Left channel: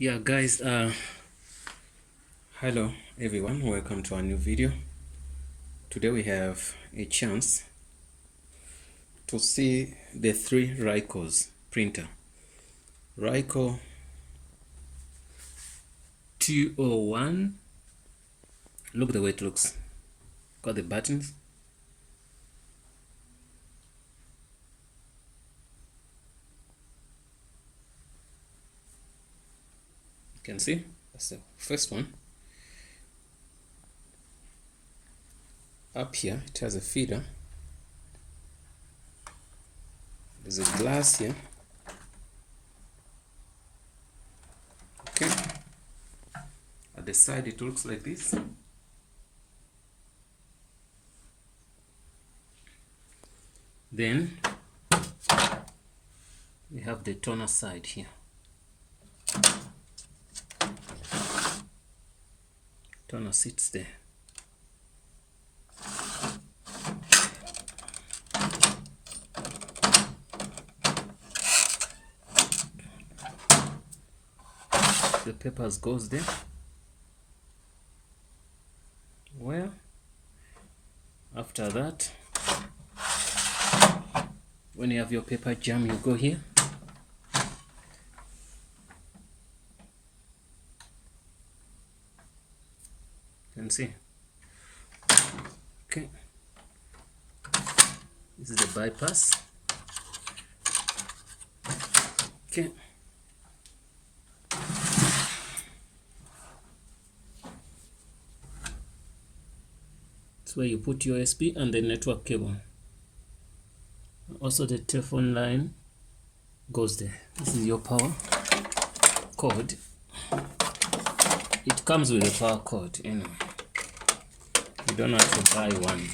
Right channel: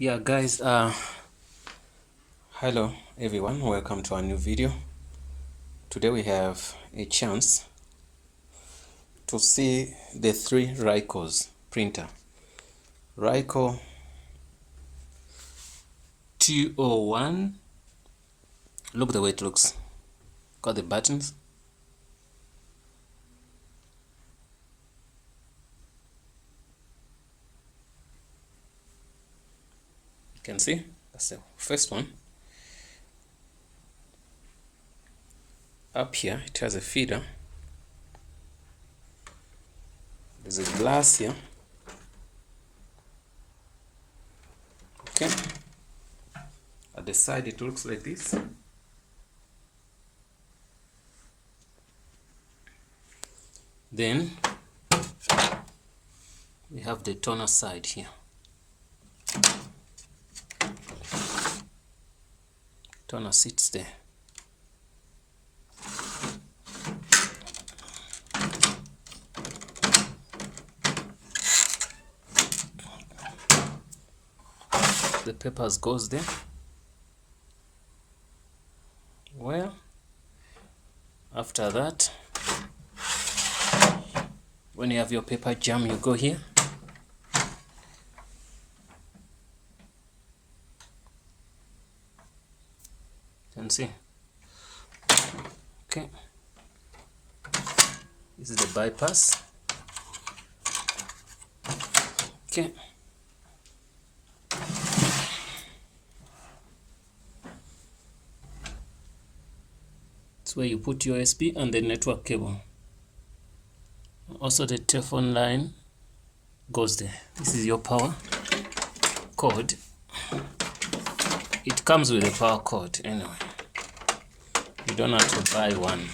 Yeah guys, hello everyone, welcome to a new video. Today we have a chance to see the three Ricoh's printer. Ricoh 201. Look the way it looks. Got the buttons. You can see that's the first one. Up here it has a feeder. There's a glass here. Okay. At the side it looks like this. Then we have the toner side here. Toner sits there. The papers goes there. Well, after that, when you have your paper jam, you go here. You can see. Okay. This is the bypass. Okay. It's where you put your USB and the network cable. Also the telephone line goes there. This is your power cord. It comes with a power cord anyway. You don't have to buy one.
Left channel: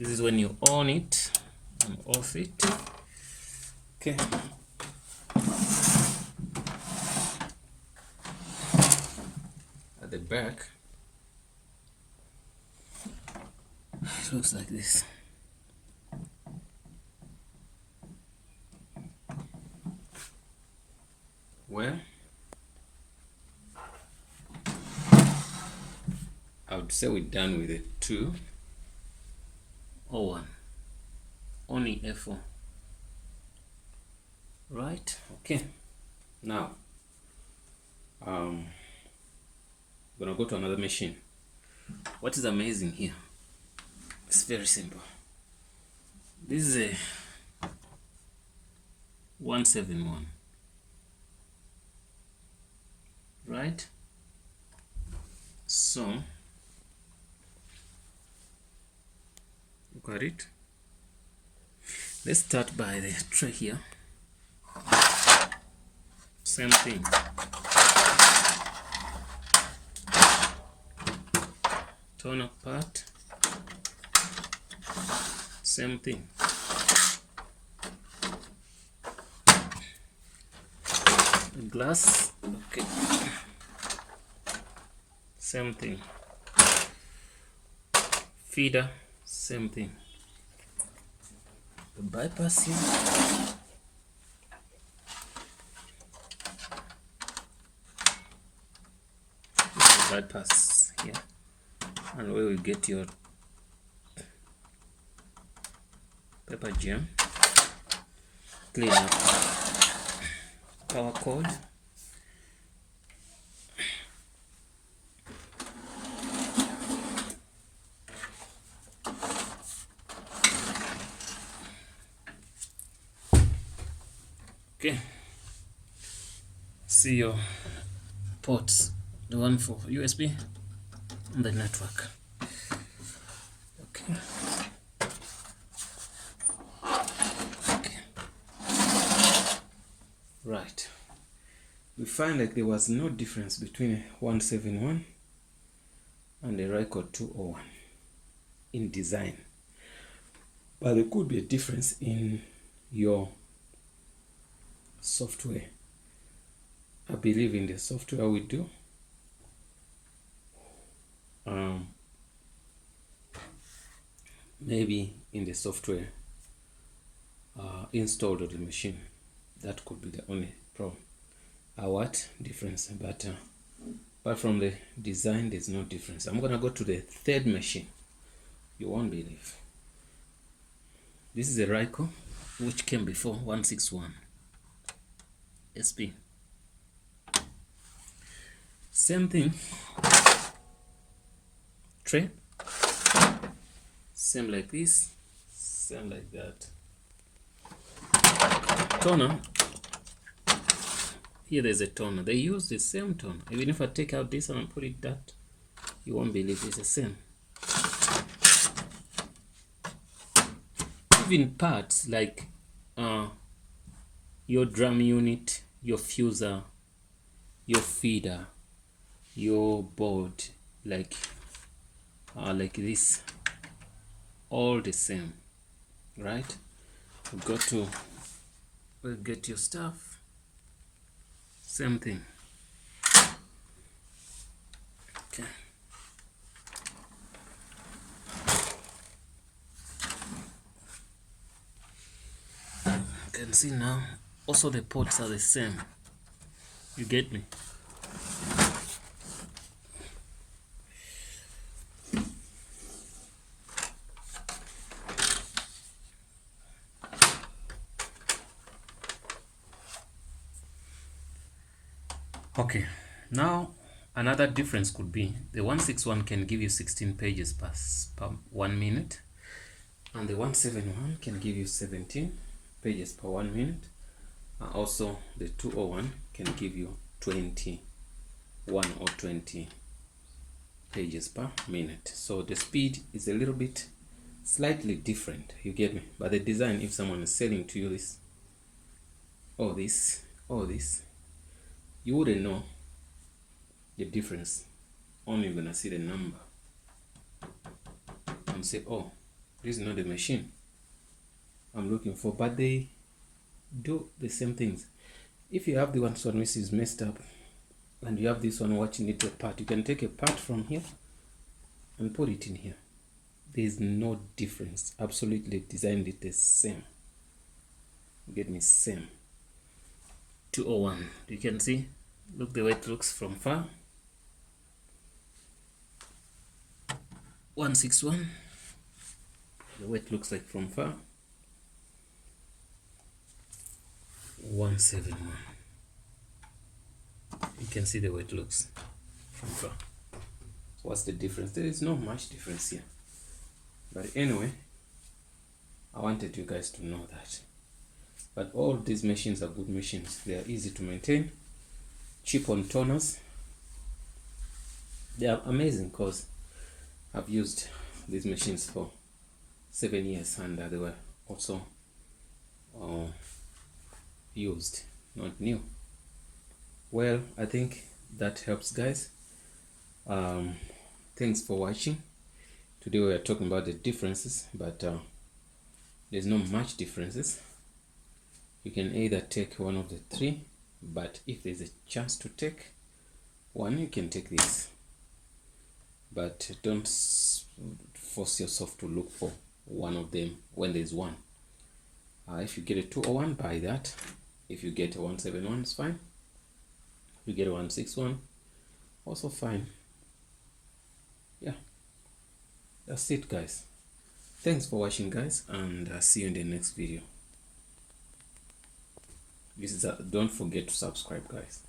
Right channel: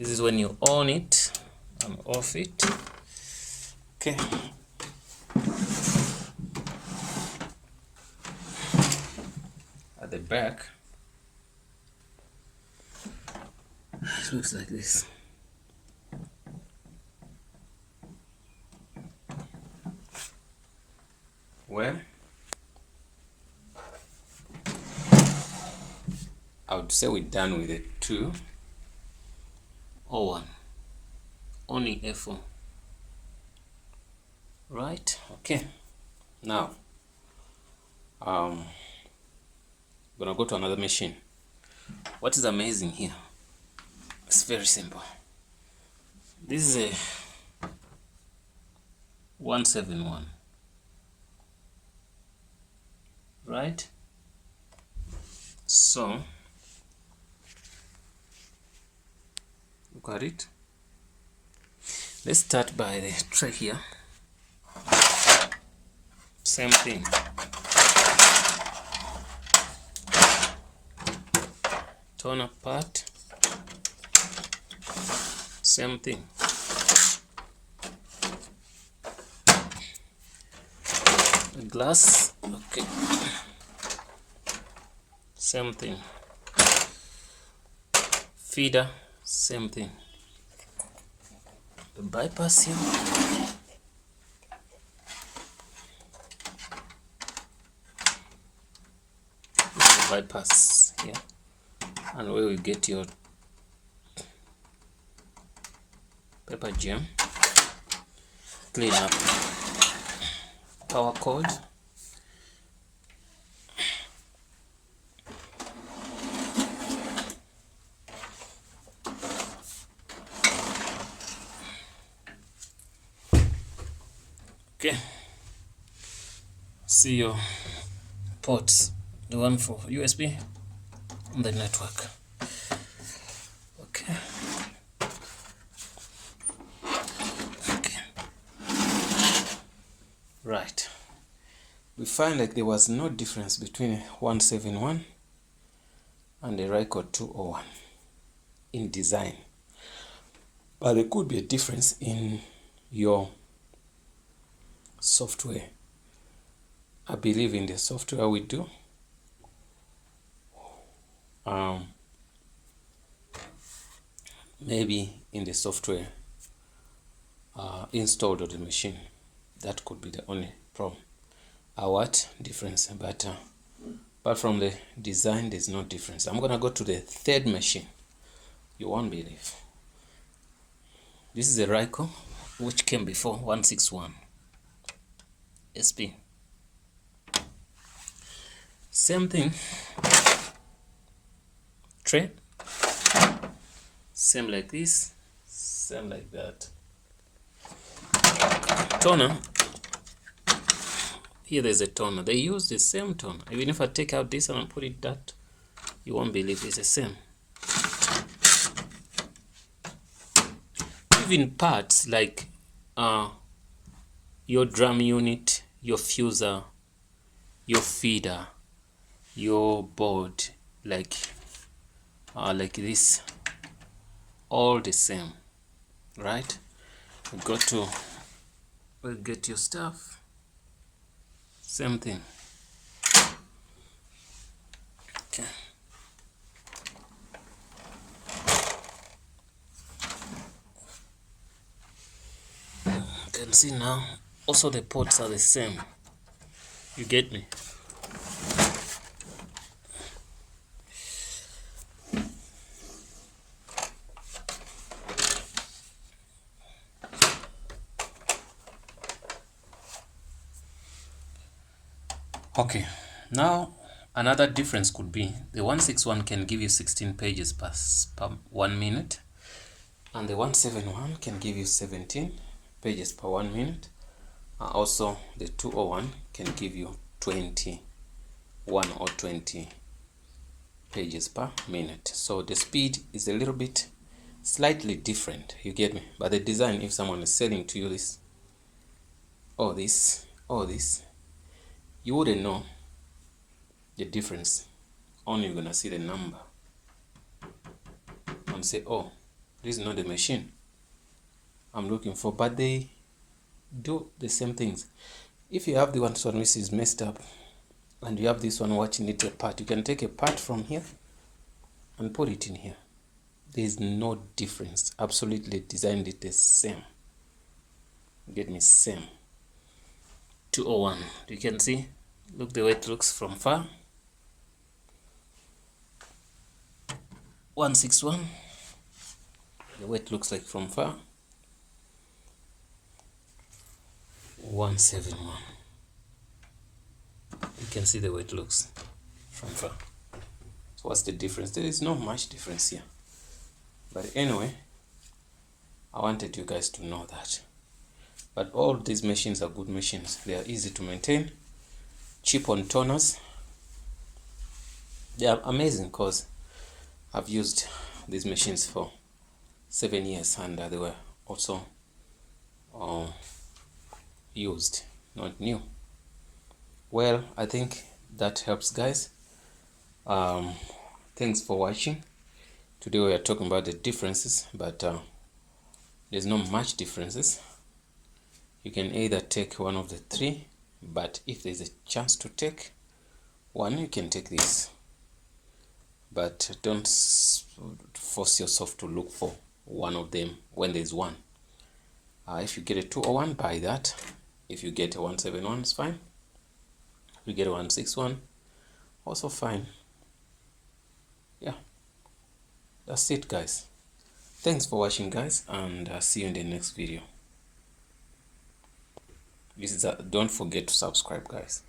This is when you on it and off it. Okay. At the back, it looks like this. Well, I would say we're done with the 201. Only F4. Right? Okay. Now, I'm gonna go to another machine. What is amazing here? It's very simple. This is a 171. Right? So, look at it. Let's start by the tray here. Same thing. Toner part. Same thing. Glass. Okay. Same thing. Feeder. Same thing. The bypass here. The bypass here. And where we get your paper jam. Clean up. Power cord. Okay. See your ports. The one for USB and the network. Okay. Okay. Right. We find like there was no difference between 171 and the Ricoh 201 in design, but there could be a difference in your software. I believe in the software we do. Maybe in the software installed on the machine. That could be the only problem. are what difference, but apart from the design, there's no difference. I'm gonna go to the third machine. You won't believe. This is a Ricoh which came before 161 SP. Same thing. Tray. Same like this. Same like that. Toner. Here there's a toner. They use the same toner. Even if I take out this and put it that, you won't believe it's the same. Even parts like your drum unit, your fuser, your feeder, your board, like this, all the same, right? You got to get your stuff. Same thing. Okay. You can see now, also the ports are the same. You get me? Okay, now another difference could be the 161 can give you 16 pages per 1 minute, and the 171 can give you 17 pages per 1 minute. Also, the 201 can give you 21 or 20 pages per minute. So the speed is a little bit slightly different, you get me? But the design, if someone is selling to you this or this or this, you wouldn't know the difference. Only you're gonna see the number and say, oh, this is not the machine I'm looking for. But they do the same things. If you have the one which is messed up and you have this one watching it apart, you can take a part from here and put it in here. There is no difference. Absolutely designed it the same. Get me? Same. 201. You can see, look the way it looks from far. 161, the way it looks like from far. 171, you can see the way it looks from far. So what's the difference? There is not much difference here, but anyway, I wanted you guys to know that. But all these machines are good machines. They are easy to maintain, cheap on toners. They are amazing because I've used these machines for 7 years and they were also used, not new. Well, I think that helps, guys. Thanks for watching. Today we are talking about the differences, but there's not much differences. You can either take one of the three, but if there's a chance to take one, you can take this. But don't force yourself to look for one of them when there's one. If you get a 201, buy that. If you get a 171, it's fine. If you get a 161, also fine. Yeah, that's it, guys. Thanks for watching, guys, and see you in the next video. Don't forget to subscribe, guys.